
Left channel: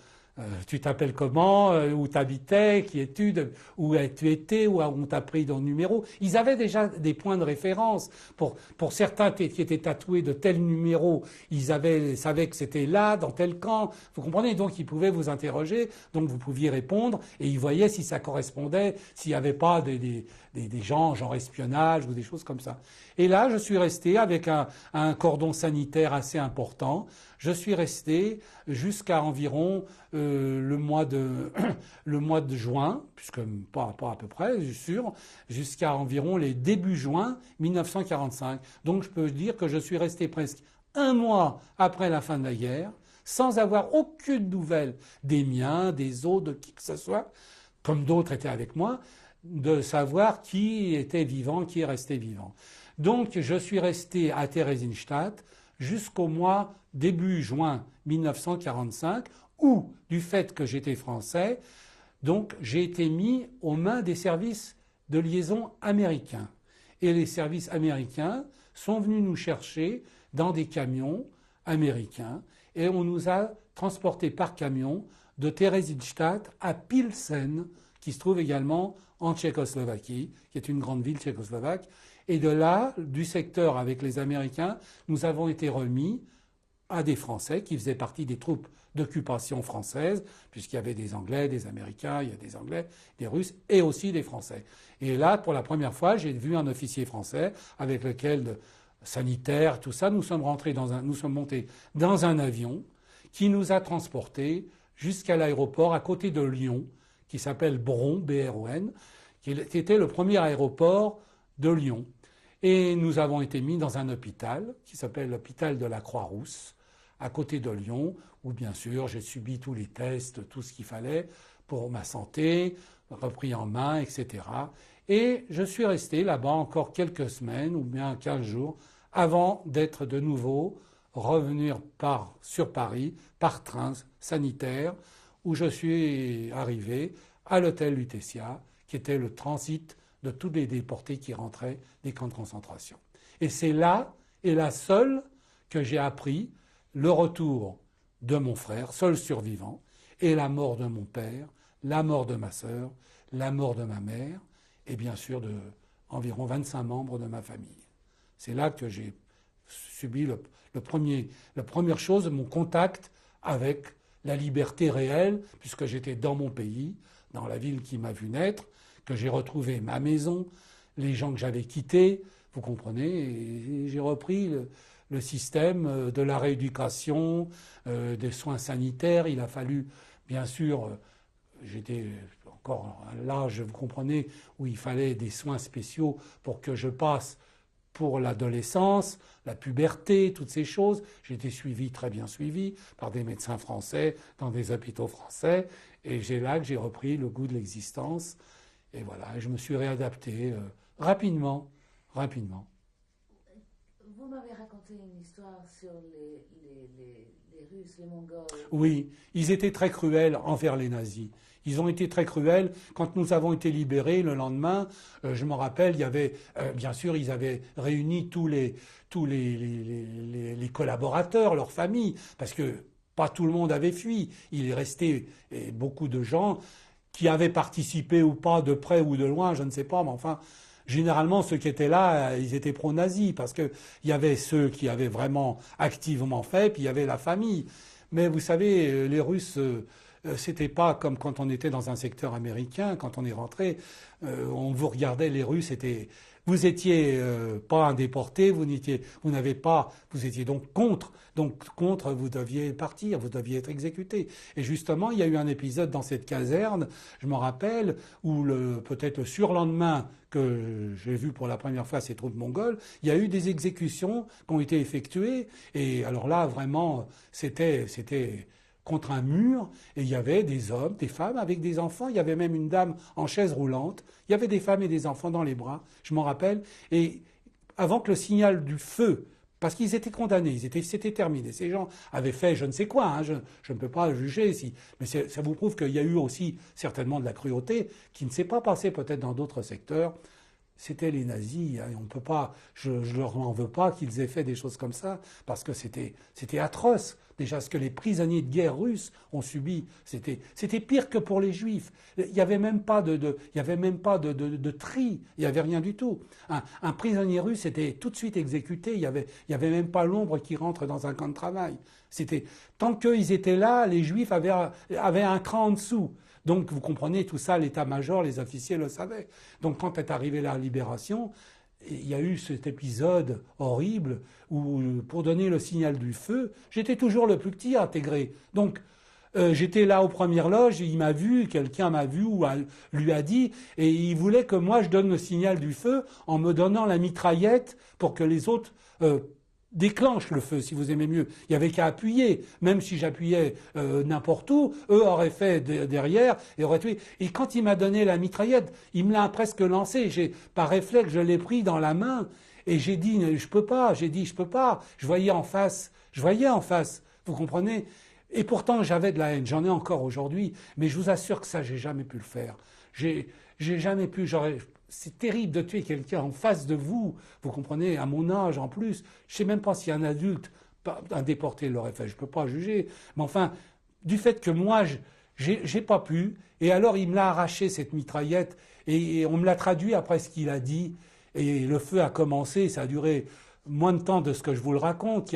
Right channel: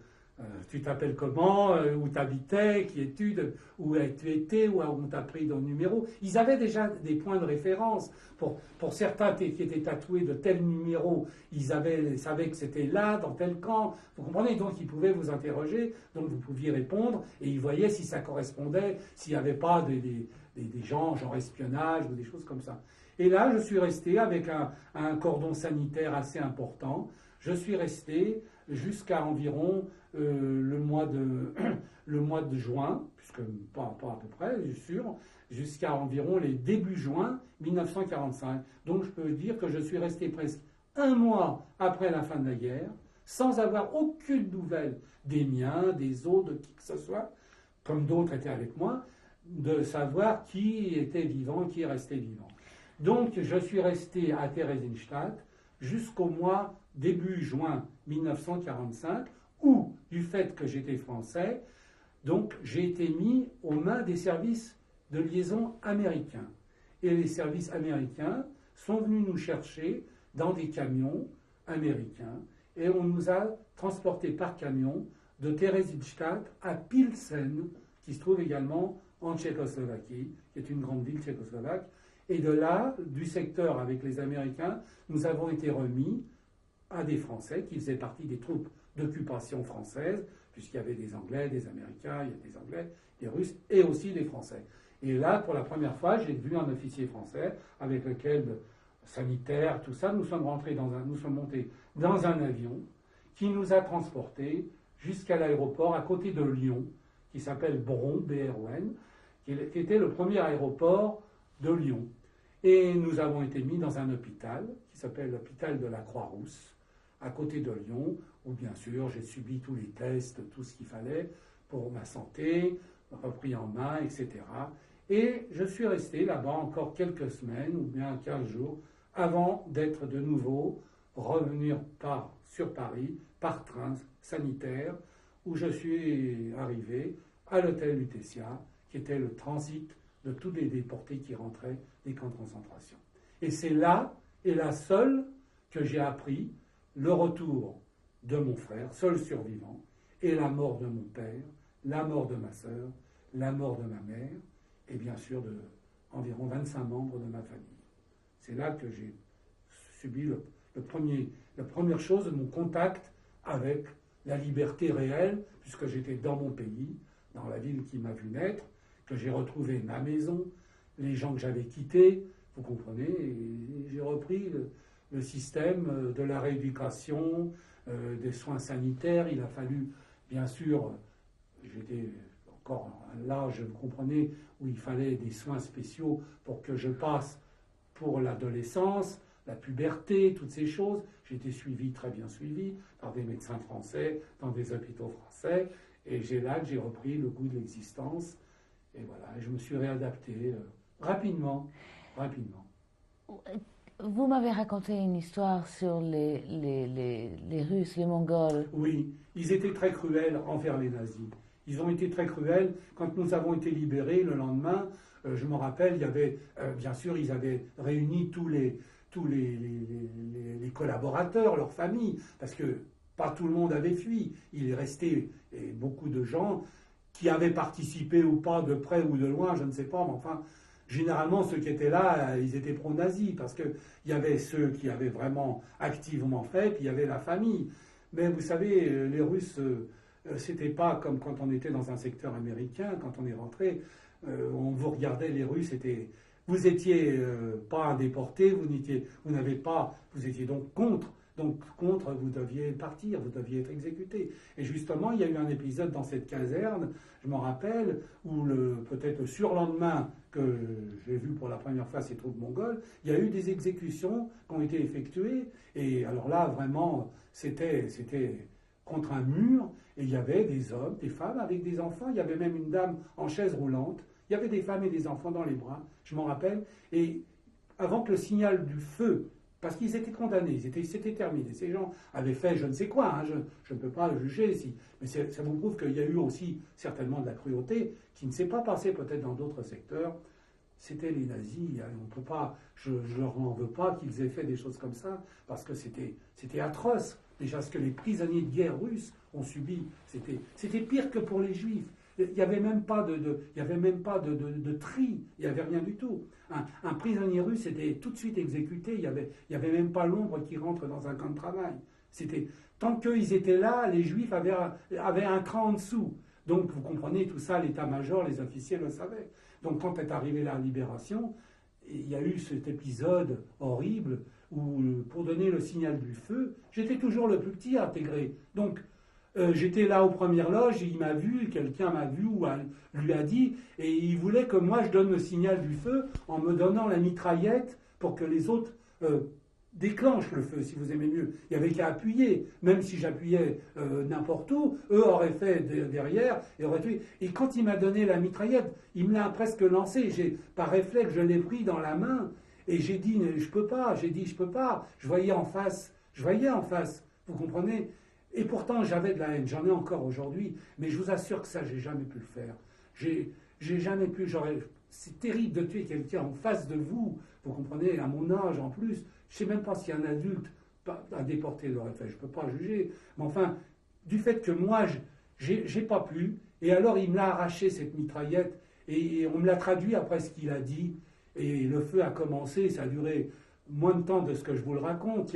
Tu t'appelles comment, où tu habitais, qui es-tu, où tu étais, où on t'a pris ton numéro. Ils avaient déjà des points de référence. Pour certains qui étaient tatoués de tel numéro, savaient que c'était là, dans tel camp. Vous comprenez? Donc ils pouvaient vous interroger, donc vous pouviez répondre, et ils voyaient si ça correspondait, s'il n'y avait pas des gens, genre espionnage ou des choses comme ça. Et là, je suis resté avec un cordon sanitaire assez important. Je suis resté jusqu'à environ le mois de juin, puisque pas à peu près, je suis sûr, jusqu'à environ les débuts juin 1945. Donc je peux dire que je suis resté presque un mois après la fin de la guerre, sans avoir aucune nouvelle des miens, des autres, de qui que ce soit, comme d'autres étaient avec moi, de savoir qui était vivant, qui est resté vivant. Donc je suis resté à Theresienstadt jusqu'au mois début juin 1945, où, du fait que j'étais français, donc j'ai été mis aux mains des services de liaison américains. Et les services américains sont venus nous chercher dans des camions américains, et on nous a transportés par camion de Theresienstadt à Pilsen, qui se trouve également en Tchécoslovaquie, qui est une grande ville tchécoslovaque. Et de là, du secteur avec les Américains, nous avons été remis à des Français qui faisaient partie des troupes d'occupation françaises, puisqu'il y avait des Anglais, des Américains, il y a des Anglais, des Russes et aussi des Français. Et là, pour la première fois, j'ai vu un officier français avec lequel, sanitaire, tout ça, nous sommes montés dans un avion qui nous a transportés jusqu'à l'aéroport à côté de Lyon, qui s'appelle Bron, B-R-O-N, qui était le premier aéroport de Lyon. Et nous avons été mis dans un hôpital qui s'appelle l'hôpital de la Croix-Rousse, à côté de Lyon, où bien sûr j'ai subi tous les tests, tout ce qu'il fallait pour ma santé, repris en main, etc. Et je suis resté là-bas encore quelques semaines, ou bien 15 jours, avant d'être de nouveau revenir sur Paris par train sanitaire, où je suis arrivé à l'hôtel Lutetia, qui était le transit de tous les déportés qui rentraient des camps de concentration. Et c'est là, et là seul, que j'ai appris le retour de mon frère, seul survivant, et la mort de mon père, la mort de ma sœur, la mort de ma mère, et bien sûr de environ 25 membres de ma famille. C'est là que j'ai subi la première chose, mon contact avec la liberté réelle, puisque j'étais dans mon pays, dans la ville qui m'a vu naître, que j'ai retrouvé ma maison, les gens que j'avais quittés, vous comprenez, et j'ai repris le système de la rééducation, des soins sanitaires. Il a fallu, bien sûr, j'étais encore à l'âge, vous comprenez, où il fallait des soins spéciaux pour que je passe pour l'adolescence, la puberté, toutes ces choses. J'ai été suivi, très bien suivi, par des médecins français, dans des hôpitaux français, et c'est là que j'ai repris le goût de l'existence. Et voilà, je me suis réadapté rapidement. Vous m'avez raconté une histoire sur les Russes, les Mongols. Oui, ils étaient très cruels envers les nazis. Ils ont été très cruels. Quand nous avons été libérés le lendemain, je me rappelle, il y avait, bien sûr, ils avaient réuni tous les collaborateurs, leurs familles, parce que pas tout le monde avait fui. Il est resté beaucoup de gens qui avaient participé ou pas, de près ou de loin, je ne sais pas, mais enfin, généralement, ceux qui étaient là, ils étaient pro-nazis, parce qu'il y avait ceux qui avaient vraiment activement fait, puis il y avait la famille. Mais vous savez, les Russes, c'était pas comme quand on était dans un secteur américain, quand on est rentré, on vous regardait, les Russes étaient... Vous étiez pas un déporté, vous étiez donc contre. Donc contre, vous deviez partir, vous deviez être exécuté. Et justement, il y a eu un épisode dans cette caserne, je me rappelle, où peut-être le surlendemain que j'ai vu pour la première fois ces troupes mongoles, il y a eu des exécutions qui ont été effectuées. Et alors là, vraiment, c'était contre un mur, et il y avait des hommes, des femmes avec des enfants. Il y avait même une dame en chaise roulante. Il y avait des femmes et des enfants dans les bras, je m'en rappelle. Et avant que le signal du feu, parce qu'ils étaient condamnés, c'était terminé. Ces gens avaient fait je ne sais quoi, hein, je ne peux pas juger, mais ça vous prouve qu'il y a eu aussi certainement de la cruauté qui ne s'est pas passée peut-être dans d'autres secteurs. C'était les nazis, hein, on peut pas, je leur en veux pas qu'ils aient fait des choses comme ça, parce que c'était atroce. Déjà, ce que les prisonniers de guerre russes ont subi, c'était pire que pour les Juifs. Il n'y avait même pas il y avait même pas de tri, il n'y avait rien du tout. Un prisonnier russe était tout de suite exécuté, il y avait même pas l'ombre qui rentre dans un camp de travail. Tant qu'ils étaient là, les Juifs avaient un cran en dessous. Donc, vous comprenez, tout ça, l'état-major, les officiers le savaient. Donc, quand est arrivée la libération, il y a eu cet épisode horrible où, pour donner le signal du feu, j'étais toujours le plus petit à intégrer. Donc, j'étais là aux premières loges, et il m'a vu, quelqu'un m'a vu ou lui a dit, et il voulait que moi je donne le signal du feu en me donnant la mitraillette pour que les autres déclenchent le feu, si vous aimez mieux. Il n'y avait qu'à appuyer. Même si j'appuyais n'importe où, eux auraient fait derrière et auraient tué. Et quand il m'a donné la mitraillette, il me l'a presque lancée. Par réflexe, je l'ai pris dans la main et j'ai dit je peux pas. J'ai dit je peux pas. Je voyais en face. Vous comprenez? Et pourtant j'avais de la haine. J'en ai encore aujourd'hui. Mais je vous assure que ça, j'ai jamais pu le faire. J'ai jamais pu. C'est terrible de tuer quelqu'un en face de vous. Vous comprenez, à mon âge en plus. Je ne sais même pas si un adulte à déporter l'aurait fait. Je ne peux pas juger. Mais enfin, du fait que moi, j'ai pas pu. Et alors, il me l'a arraché, cette mitraillette. Et on me l'a traduit après ce qu'il a dit. Et le feu a commencé. Ça a duré moins de temps de ce que je vous le raconte.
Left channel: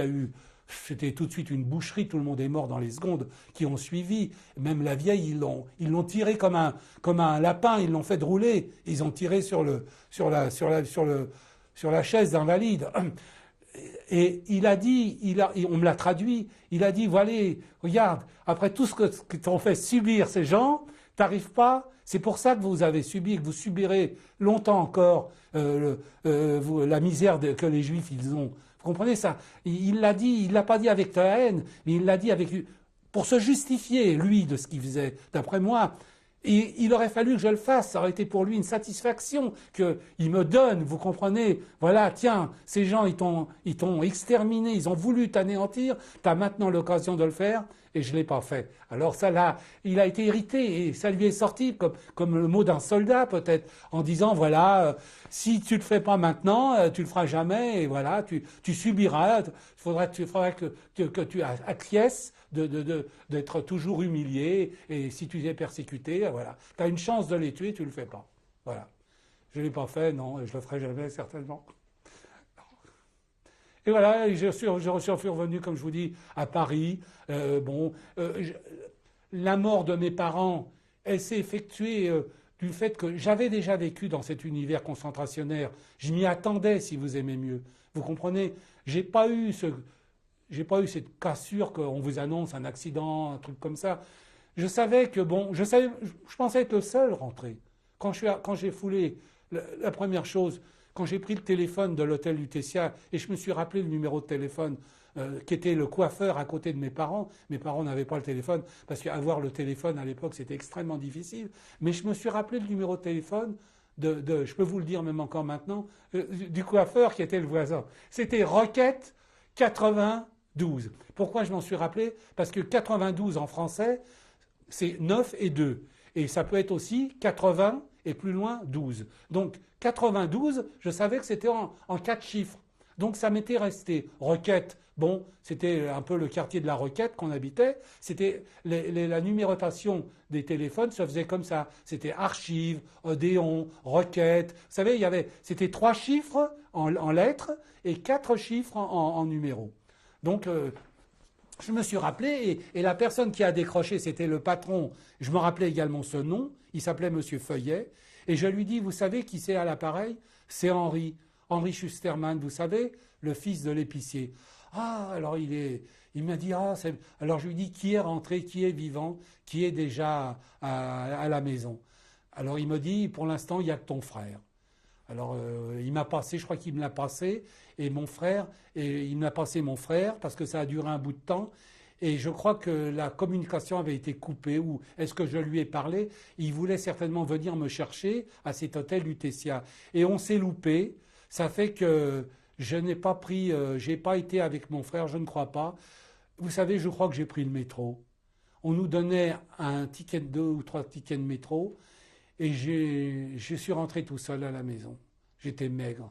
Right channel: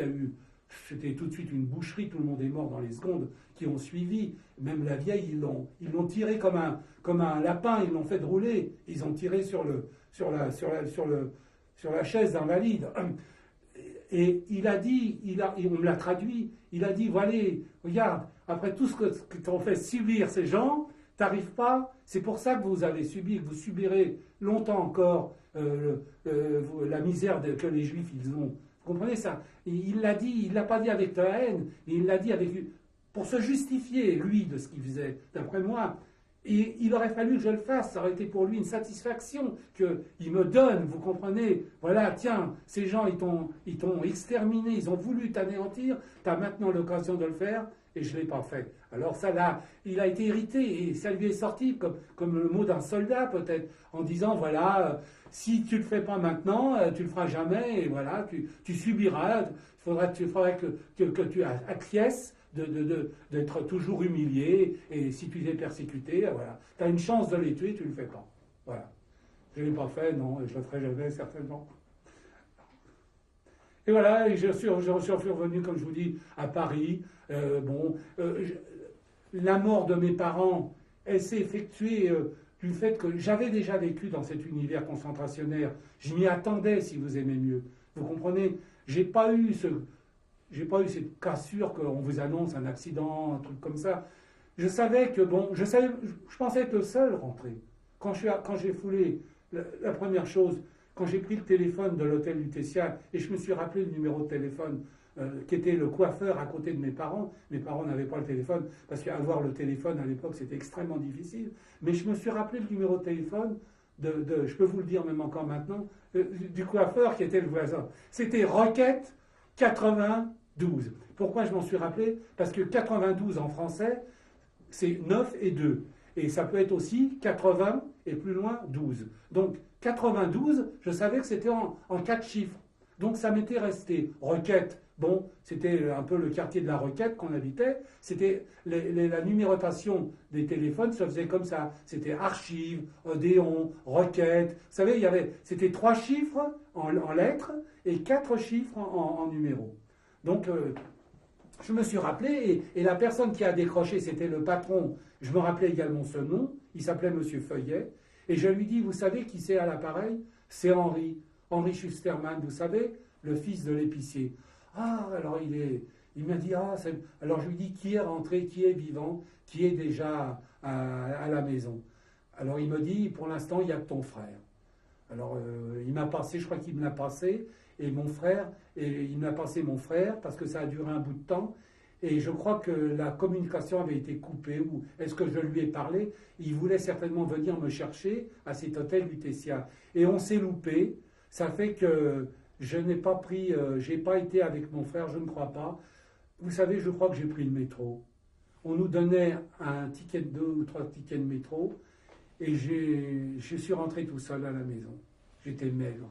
C'était tout de suite une boucherie, tout le monde est mort dans les secondes qui ont suivi. Même la vieille, ils l'ont tiré comme un lapin, ils l'ont fait rouler. Ils ont tiré sur la chaise d'invalide. Et il a dit, on me l'a traduit, il a dit, voilà, regarde, après tout ce que t'ont fait subir ces gens, t'arrives pas, c'est pour ça que vous avez subi, que vous subirez longtemps encore la misère que les Juifs ils ont. Vous comprenez ça? Il l'a dit, il l'a pas dit avec ta haine, mais il l'a dit pour se justifier, lui, de ce qu'il faisait. D'après moi, et il aurait fallu que je le fasse, ça aurait été pour lui une satisfaction qu'il me donne, vous comprenez? Voilà, tiens, ces gens, ils t'ont exterminé, ils ont voulu t'anéantir, tu as maintenant l'occasion de le faire, et je ne l'ai pas fait. Alors ça, là, il a été irrité, et ça lui est sorti comme le mot d'un soldat, peut-être, en disant, voilà, si tu ne le fais pas maintenant, tu ne le feras jamais, et voilà, tu subiras, il faudrait que tu acquiesces d'être toujours humilié, et si tu es persécuté, voilà. Tu as une chance de les tuer, tu ne le fais pas. Voilà. Je ne l'ai pas fait, non, et je ne le ferai jamais, certainement. Et voilà, et je suis revenu, comme je vous dis, à Paris. La mort de mes parents, elle s'est effectuée du fait que j'avais déjà vécu dans cet univers concentrationnaire. Je m'y attendais, si vous aimez mieux. Vous comprenez? J'ai pas eu cette cassure qu'on vous annonce, un accident, un truc comme ça. Je savais que, je pensais être le seul rentré. Quand j'ai foulé, la première chose, quand j'ai pris le téléphone de l'hôtel Lutetia, et je me suis rappelé le numéro de téléphone, qui était le coiffeur à côté de mes parents n'avaient pas le téléphone, parce qu'avoir le téléphone à l'époque, c'était extrêmement difficile. Mais je me suis rappelé le numéro de téléphone je peux vous le dire même encore maintenant, du coiffeur qui était le voisin. C'était Roquette 92. Pourquoi je m'en suis rappelé? Parce que 92 en français, c'est 9 et 2. Et ça peut être aussi 80 et plus loin 12. Donc 92, je savais que c'était en 4 chiffres. Donc ça m'était resté. Roquette, c'était un peu le quartier de la Roquette qu'on habitait. C'était la numérotation des téléphones se faisait comme ça. C'était Archive, Odéon, Roquette. Vous savez, c'était 3 chiffres en lettres et 4 chiffres en numéros. Donc je me suis rappelé, et la personne qui a décroché, c'était le patron. Je me rappelais également ce nom. Il s'appelait Monsieur Feuillet. Et je lui dis, vous savez qui c'est à l'appareil? C'est Henri Schusterman, vous savez, le fils de l'épicier. Ah, alors il m'a dit, alors je lui dis, qui est rentré, qui est vivant, qui est déjà à la maison? Alors il me dit, pour l'instant, il n'y a que ton frère. Alors il m'a passé, je crois qu'il me l'a passé, et il me l'a passé mon frère, parce que ça a duré un bout de temps, et je crois que la communication avait été coupée, ou est-ce que je lui ai parlé? Il voulait certainement venir me chercher à cet hôtel Lutetia. Et on s'est loupé, ça fait que je n'ai pas pris, j'ai pas été avec mon frère, je ne crois pas. Vous savez, je crois que j'ai pris le métro. On nous donnait un ticket de 2 ou 3 tickets de métro, et je suis rentré tout seul à la maison. J'étais maigre.